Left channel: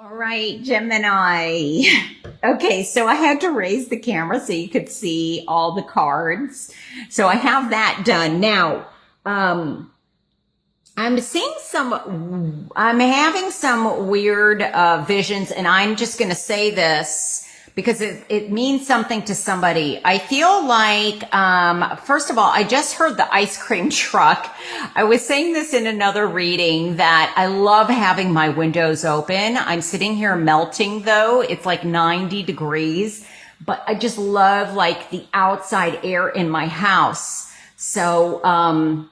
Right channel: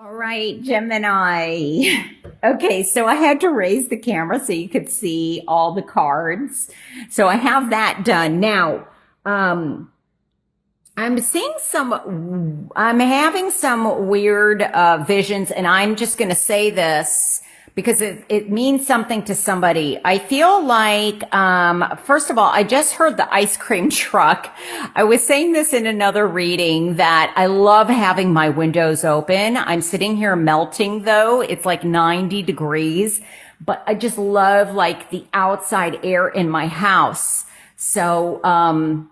All right, Gemini. Okay, so I had to raise the camera so you could see all the cards. So I have that done. Now, I'm having some weird visions, and I'm just going to say this because it means something to somebody. I feel like, first of all, I just heard the ice cream truck. I was saying this in another reading that I love having my windows open. I'm sitting here melting though. It's like 90 degrees, but I just love like the outside air in my house. So,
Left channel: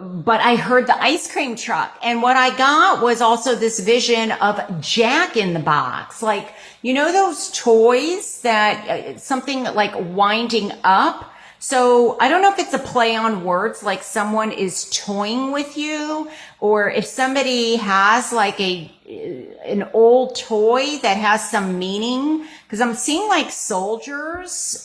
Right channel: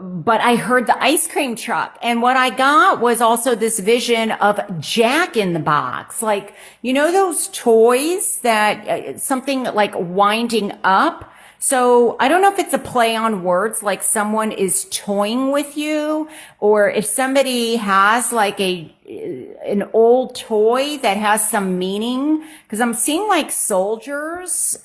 but I heard the ice cream truck, and what I got was also this vision of Jack in the Box. Like, you know, those toys that something like winding up. So I don't know if it's a play on words, like someone is toying with you, or if somebody has like an old toy that has some meaning, because I'm seeing like soldiers,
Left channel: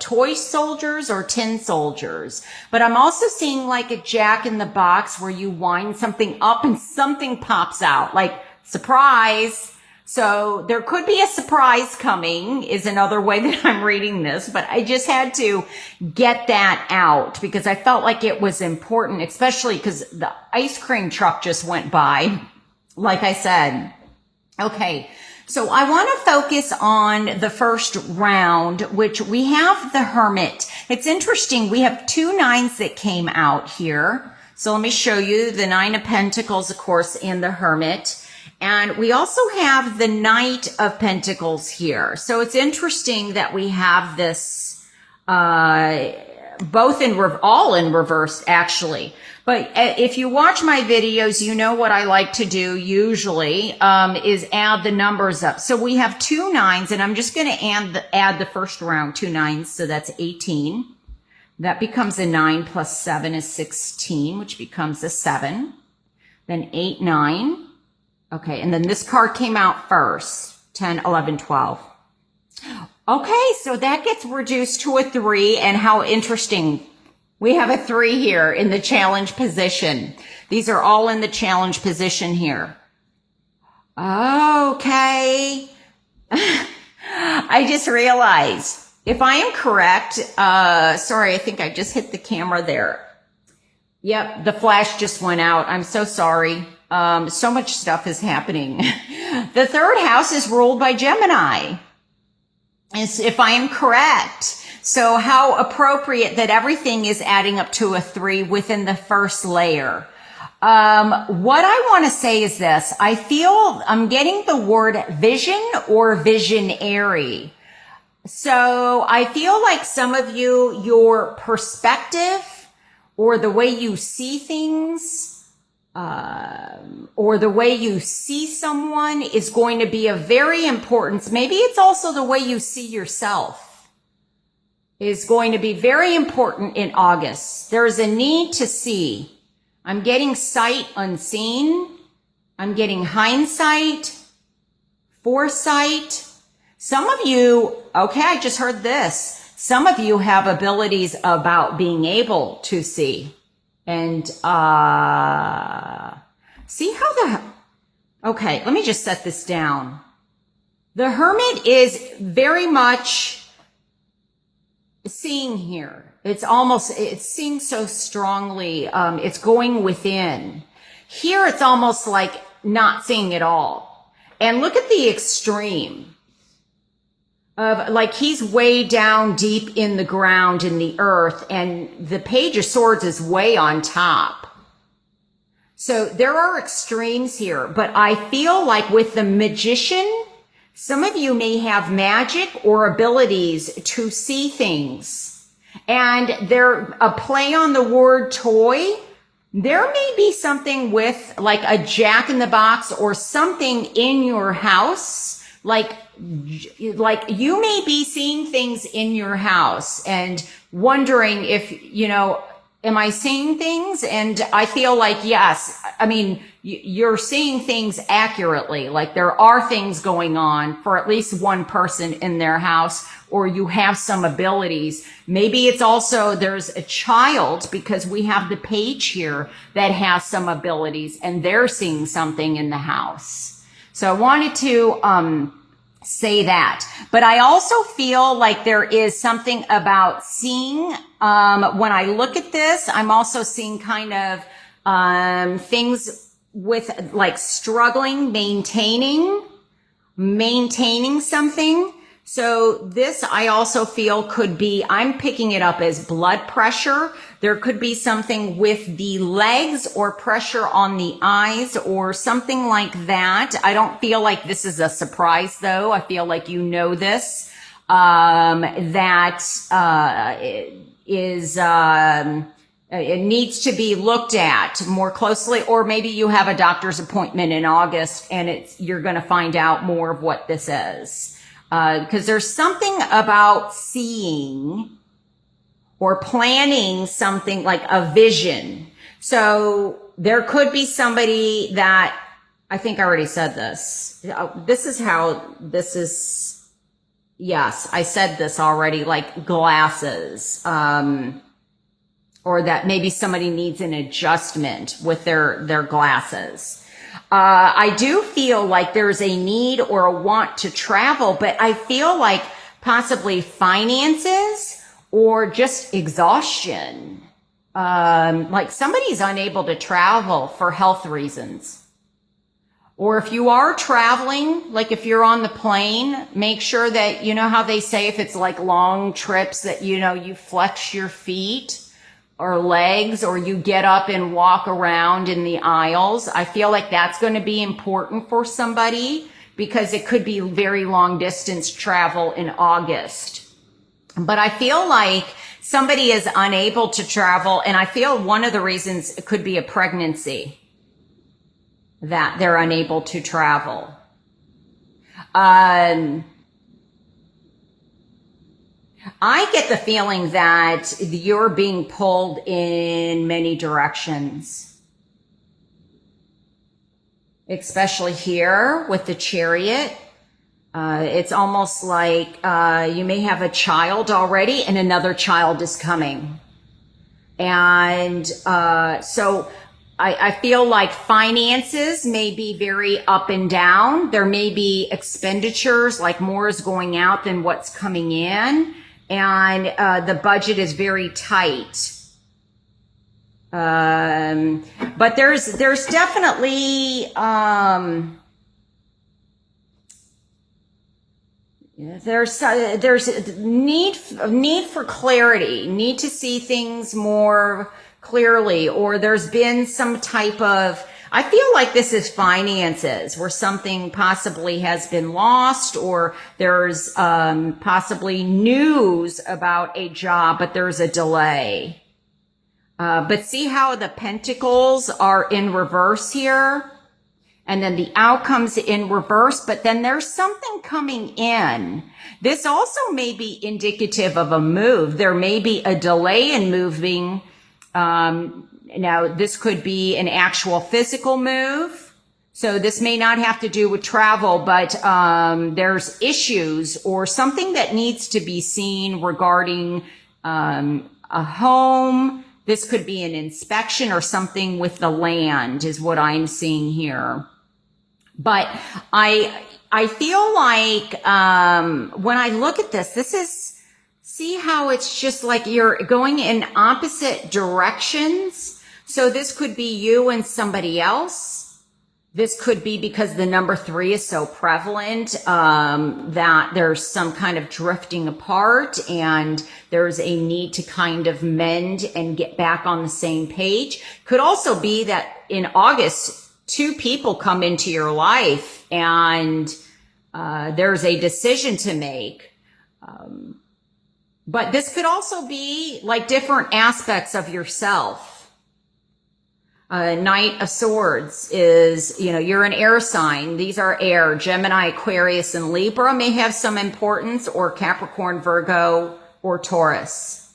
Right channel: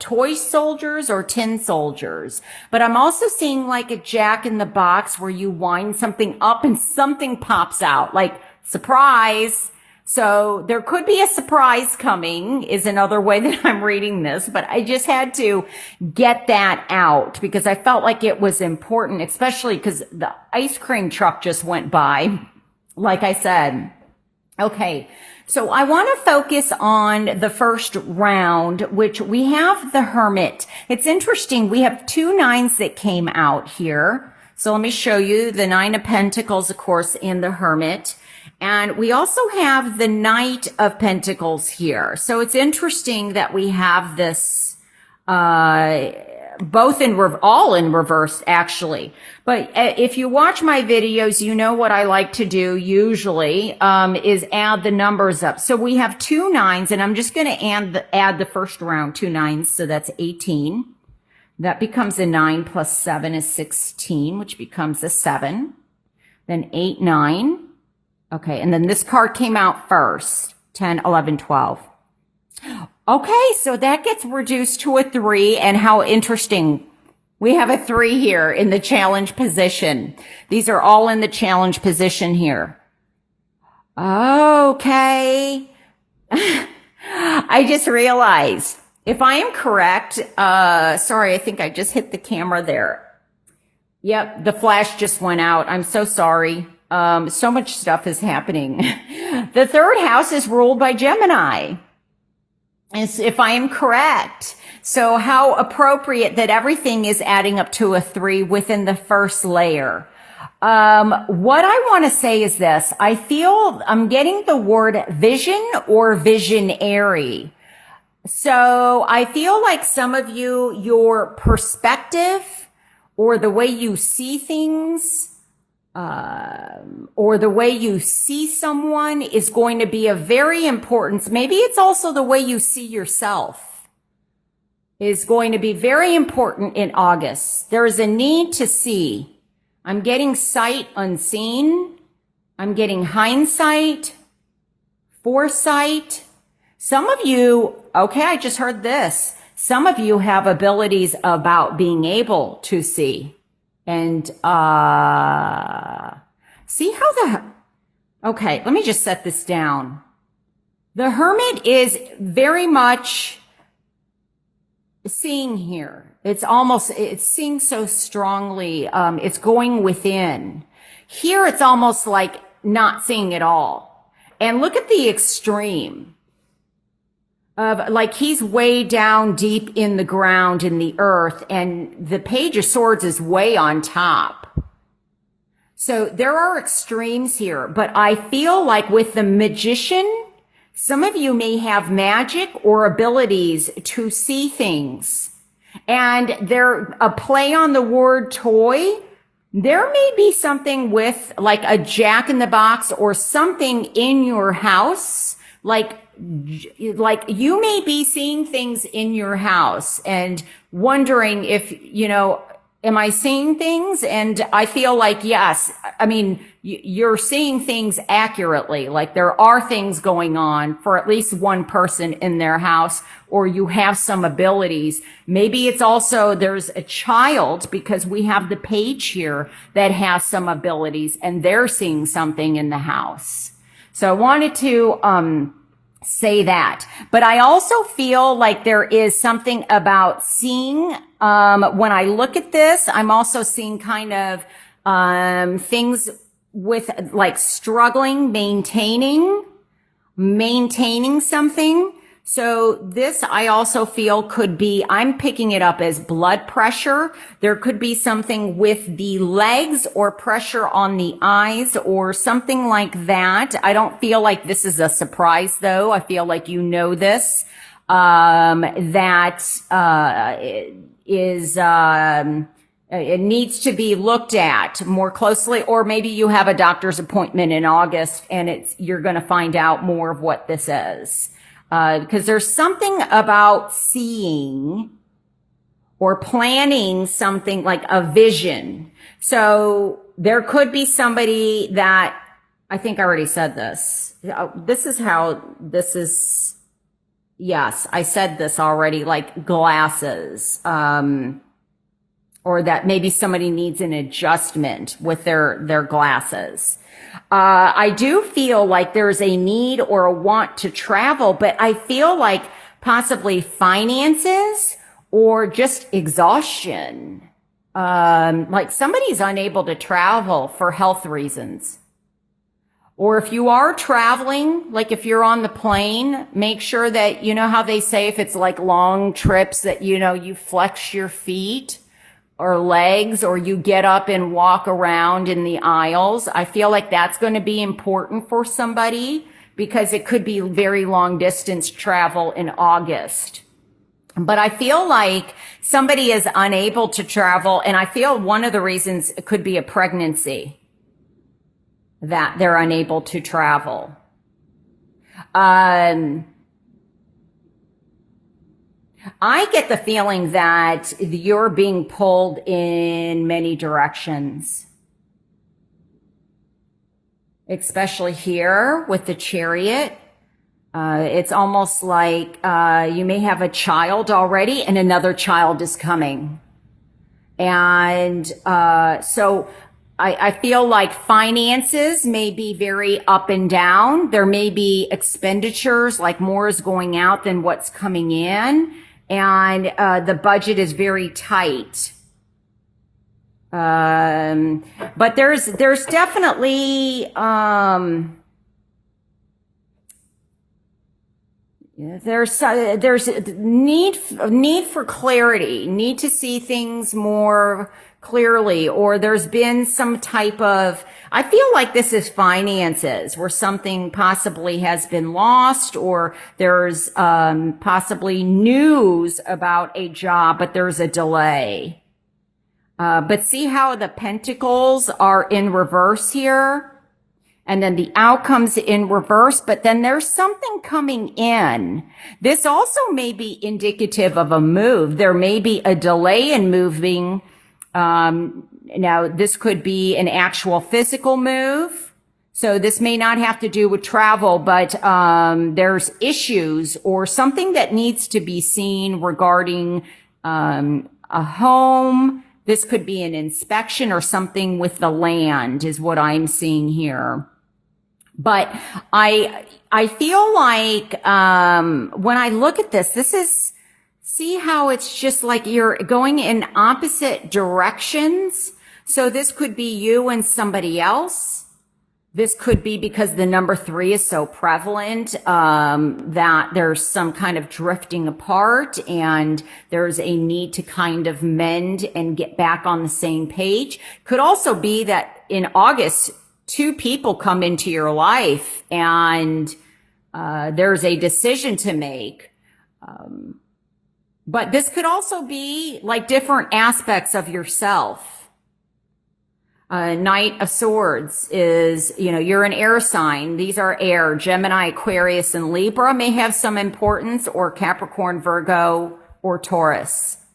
toy soldiers or tin soldiers, but I'm also seeing like a Jack in the Box where you wind something up and something pops out, like surprise. So there could be a surprise coming is another way that I'm reading this, but I just had to get that out because I felt like it was important, especially because the ice cream truck just went by, like I said. Okay, so I want to focus on the first round, which we have the Hermit. It's interesting. We have two nines that came out here. So let me show you the Nine of Pentacles, of course, in the Hermit. And we also have the Knight of Pentacles here. So it's interesting that we have this, both all in reverse, actually. But if you watch my videos, you know what I like to do usually, is add the numbers up. So we have two nines, and I'm just going to add the first round, two nines. So that's 18. That becomes a 9 plus 7 is 16, which becomes a 7. Then 8, 9. Okay, and then this card came out first, 10, 11, 12. Okay, so that gets reduced to a 3, and how interesting. We have a 3 here in the challenge position. These are all in the challenge position here. Okay. I just realized, if I am correct, sorry, I think I just hit the camera there. Yep, the flash just went out. I'm so sorry. So much stuff is happening. The third house is ruled by Gemini, if I am correct. So how appropriate that everything is adding up to a 3 within the first layer. What I want to say is this. I feel I'm getting the word vision or visionary. So I feel like some of you, your perspective or the way you see things, or the way you see someone is going to be a very important, maybe it's also the way you see yourself is going to be very important in August. There is a need to see. I'm getting sight unseen. I'm getting hindsight, foresight. Some of you, okay, I just heard this. Some of you have abilities about being able to see. And see how okay, let me just set this down. The Hermit is very much seeing here. It's seeing so strongly. It's going within. Here it's almost like not seeing at all. And look at the extreme of like he's way down deep in the ground in the earth, and the Page of Swords is way on top. So there are extremes here, but I feel like with the Magician, some of you may have magic or abilities to see things, and they're a play on the word toy. There may be something with like a Jack in the Box or something in your house, like you may be seeing things in your house and wondering if, you know, am I seeing things? And I feel like, yes, I mean, you're seeing things accurately. Like there are things going on for at least one person in their house, or you have some abilities. Maybe it's also there's a child, because we have the Page here that has some abilities and they're seeing something in the house. So I wanted to say that. But I also feel like there is something about seeing, when I look at this, I'm also seeing kind of things with like struggling, maintaining something. So this I also feel could be, I'm picking it up as blood pressure. There could be something with the legs or pressure on the eyes or something like that. I don't feel like this is a surprise though. I feel like you know this, it needs to be looked at more closely, or maybe you have a doctor's appointment in August and you're going to find out more of what this is. Because there's something about seeing or planning something like a vision. So there could be somebody that, I think I already said this. Yes, I said this already, like glasses, or that maybe somebody needs an adjustment with their glasses. I do feel like there's a need or a want to travel, but I feel like possibly finances or just exhaustion. Like somebody's unable to travel for health reasons. Or if you are traveling, like if you're on the plane, make sure that, you know how they say if it's like long trips that, you know, you flex your feet or legs, or you get up and walk around in the aisles. I feel like that's going to be important for somebody because it could be very long distance travel in August. But I feel like somebody is unable to travel, and I feel one of the reasons it could be a pregnancy that they're unable to travel. I get the feeling that you're being pulled in many directions, especially here with the Chariot. It's almost like you may have a child already and another child is coming. And so I feel like finances may be very up and down. There may be expenditures, like more is going out than what's coming in. And the budget is very tight. But there's definitely there's need for clarity, need to see things more clearly, or there's been some type of, I feel like this is finances where something possibly has been lost, or there's possibly news about a job, but there's a delay. But see how the pentacles are in reverse here? And then the outcomes in reverse, but then there's something coming in. This also may be indicative of a move. There may be a delay in moving. Now, this could be an actual physical move. So this may not have to do with travel, but there's issues or something that needs to be seen regarding a home. This could be an inspection or something with the land is what I'm seeing here. But I feel like when I look at this is, see how it's just like you're going in opposite directions. So this could be you and somebody else. This could be because the number 3 is so prevalent that there's some kind of drifting apart and there's a need to kind of mend and get back on the same page. Could also be that in August, 2 people come into your life and there's a decision to make. But this could also be like different aspects of yourself. Knight of Swords is, you know, you're an air sign. These are air. Gemini, Aquarius, and Libra may have some importance, or Capricorn, Virgo, or Taurus.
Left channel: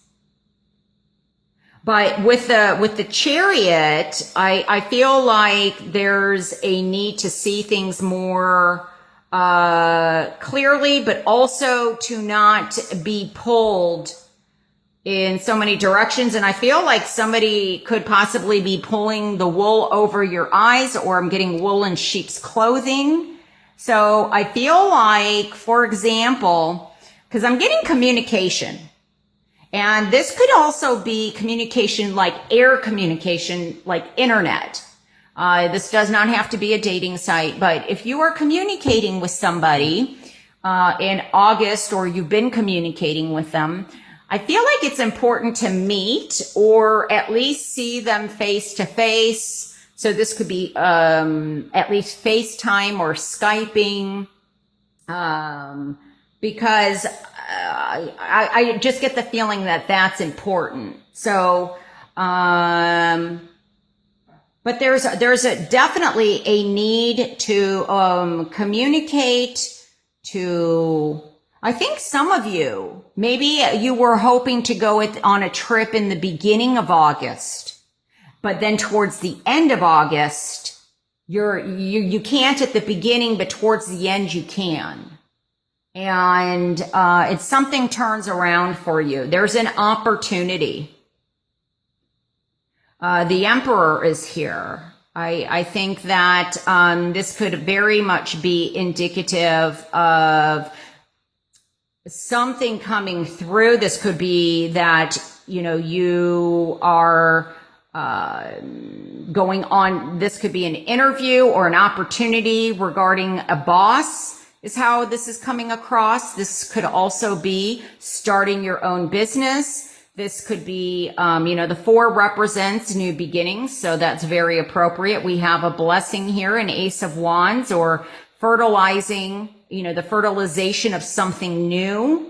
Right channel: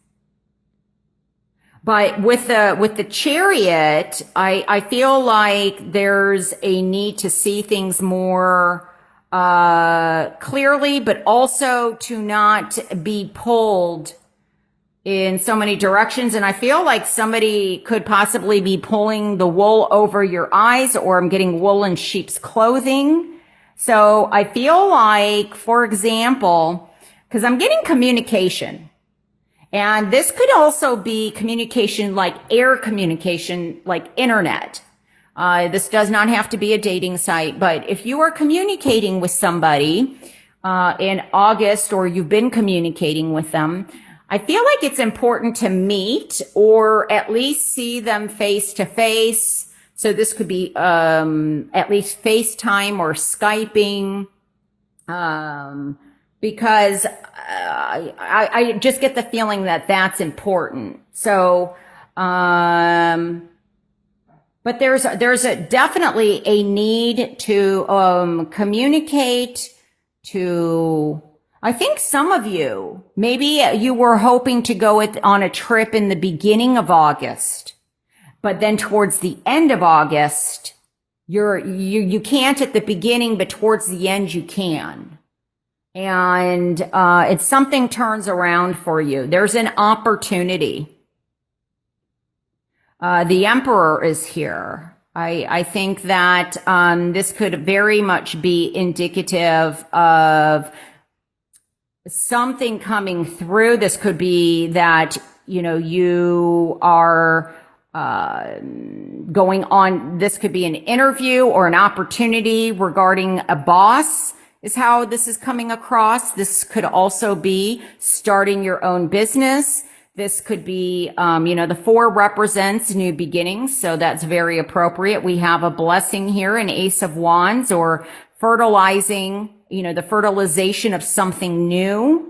But with the Chariot, I feel like there's a need to see things more clearly, but also to not be pulled in so many directions. And I feel like somebody could possibly be pulling the wool over your eyes, or I'm getting wool in sheep's clothing. So I feel like, for example, because I'm getting communication, and this could also be communication like air communication, like internet. This does not have to be a dating site, but if you are communicating with somebody in August, or you've been communicating with them, I feel like it's important to meet or at least see them face to face. So this could be at least FaceTime or Skyping, because I just get the feeling that that's important. So, but there's definitely a need to communicate to. I think some of you, maybe you were hoping to go on a trip in the beginning of August, but then towards the end of August, you can't at the beginning, but towards the end you can. And it's something turns around for you. There's an opportunity. The Emperor is here. I think that this could very much be indicative of something coming through. This could be that, you are going on, this could be an interview or an opportunity regarding a boss, is how this is coming across. This could also be starting your own business. This could be, the 4 represents new beginnings, so that's very appropriate. We have a blessing here, an Ace of Wands, or fertilizing, the fertilization of something new.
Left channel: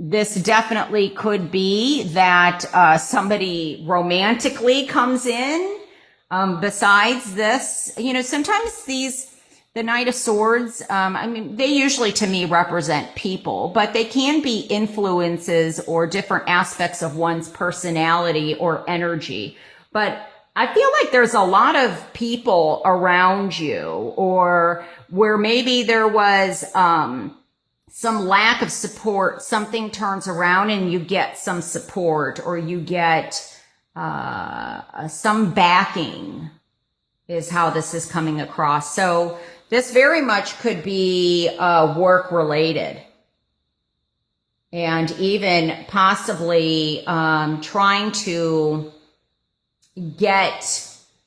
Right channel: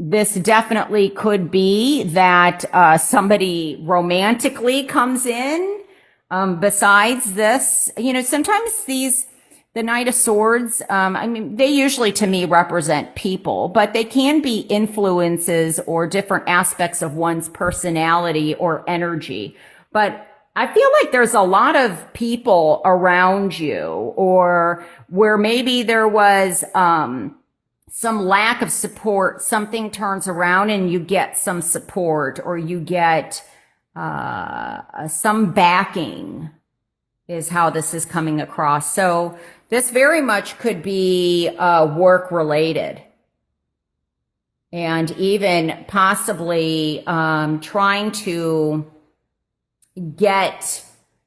This definitely could be that somebody romantically comes in. Besides this, sometimes the Knight of Swords, they usually to me represent people, but they can be influences or different aspects of one's personality or energy. But I feel like there's a lot of people around you, or where maybe there was some lack of support, something turns around and you get some support, or you get some backing, is how this is coming across. So this very much could be work related, and even possibly trying to get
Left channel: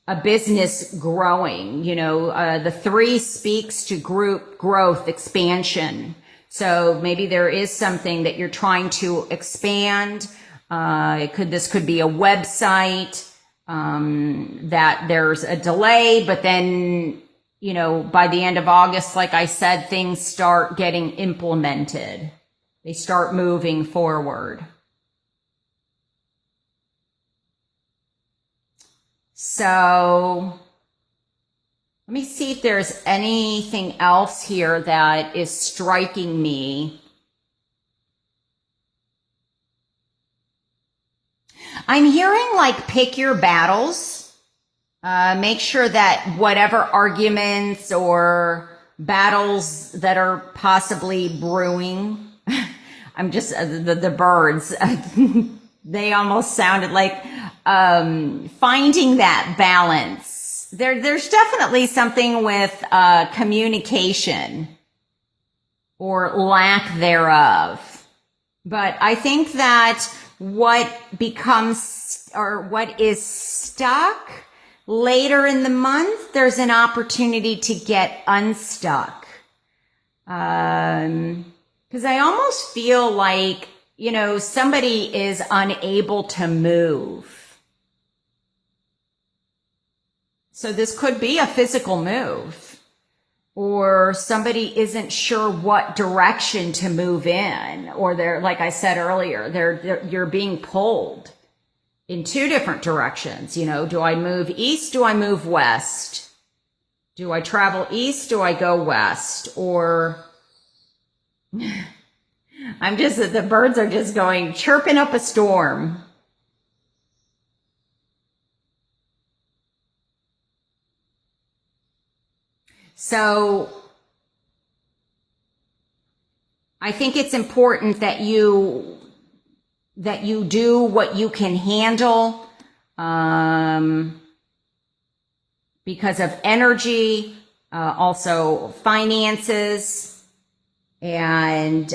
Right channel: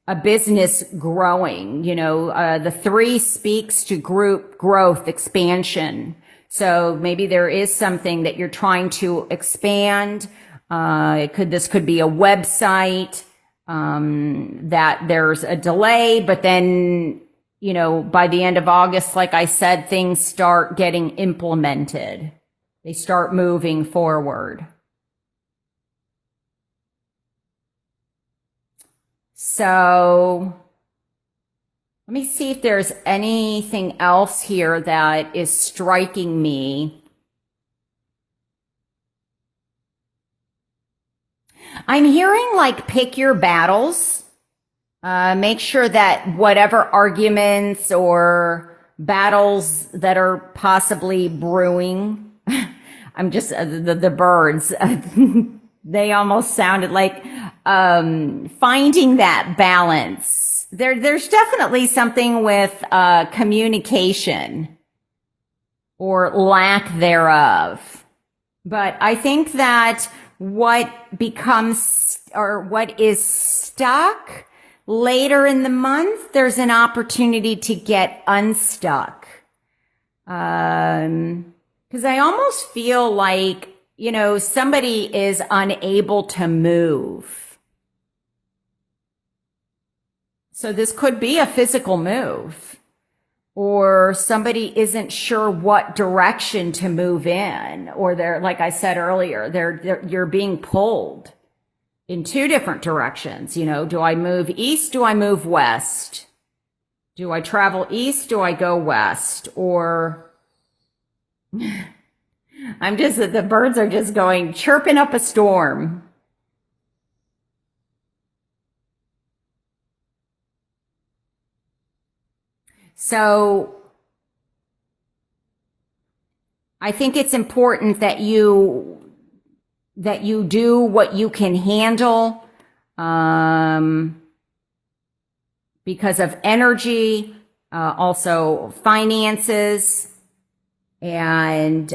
a business growing. The 3 speaks to group growth, expansion. So maybe there is something that you're trying to expand. This could be a website, that there's a delay, but then, by the end of August, like I said, things start getting implemented. They start moving forward. So let me see if there's anything else here that is striking me. I'm hearing like pick your battles. Make sure that whatever arguments or battles that are possibly brewing, I'm just, the birds, they almost sounded like finding that balance. There's definitely something with communication or lack thereof. But I think that what becomes, or what is stuck later in the month, there's an opportunity to get unstuck. Because I almost feel like, somebody is unable to move. So this could be a physical move, or somebody isn't sure what direction to move in, or they're, like I said earlier, you're being pulled in 2 different directions. Do I move east? Do I move west? Do I travel east? Do I go west? Or the birds are just going, chirping up a storm. So I think it's important that you do what you can handle, because of energy. also finances, and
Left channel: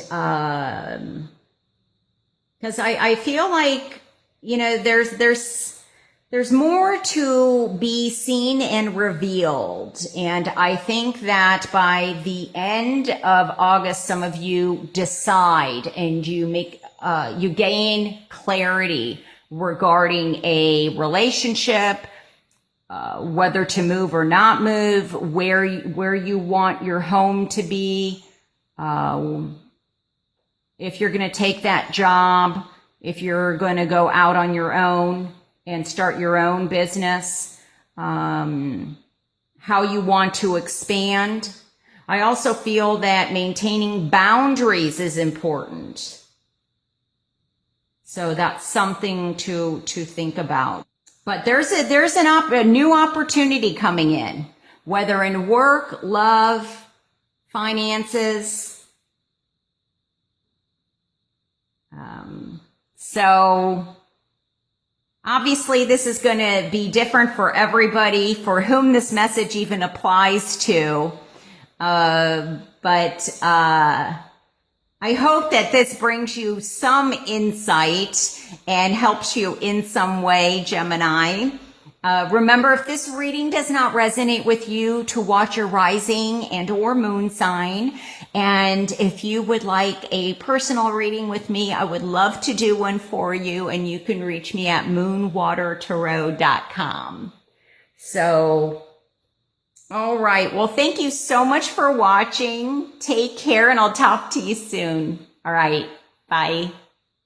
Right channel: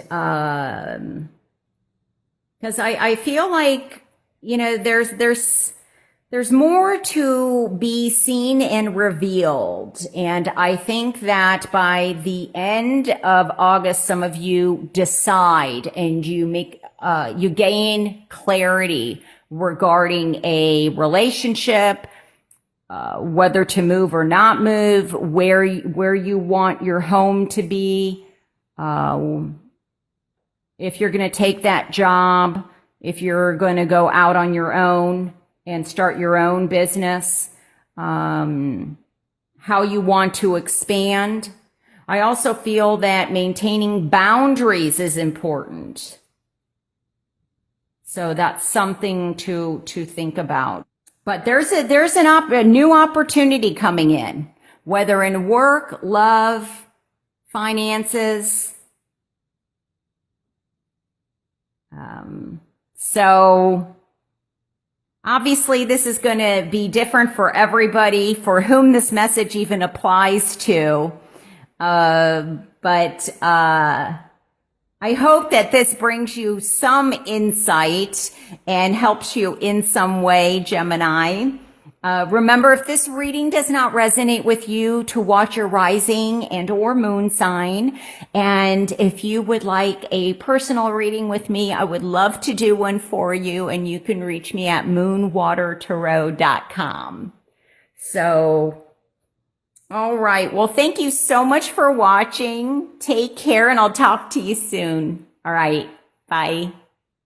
because I feel like, you know, there's more to be seen and revealed. And I think that by the end of August, some of you decide and you make, you gain clarity regarding a relationship, whether to move or not move, where you want your home to be, if you're going to take that job, if you're going to go out on your own and start your own business, how you want to expand. I also feel that maintaining boundaries is important. So that's something to think about. But there's a new opportunity coming in, whether in work, love, finances. So obviously this is going to be different for everybody for whom this message even applies to. But I hope that this brings you some insight and helps you in some way, Gemini. Remember, if this reading does not resonate with you, to watch your rising and or moon sign. And if you would like a personal reading with me, I would love to do one for you. And you can reach me at moonwatertarot.com. So, all right. Well, thank you so much for watching. Take care, and I'll talk to you soon. All right. Bye.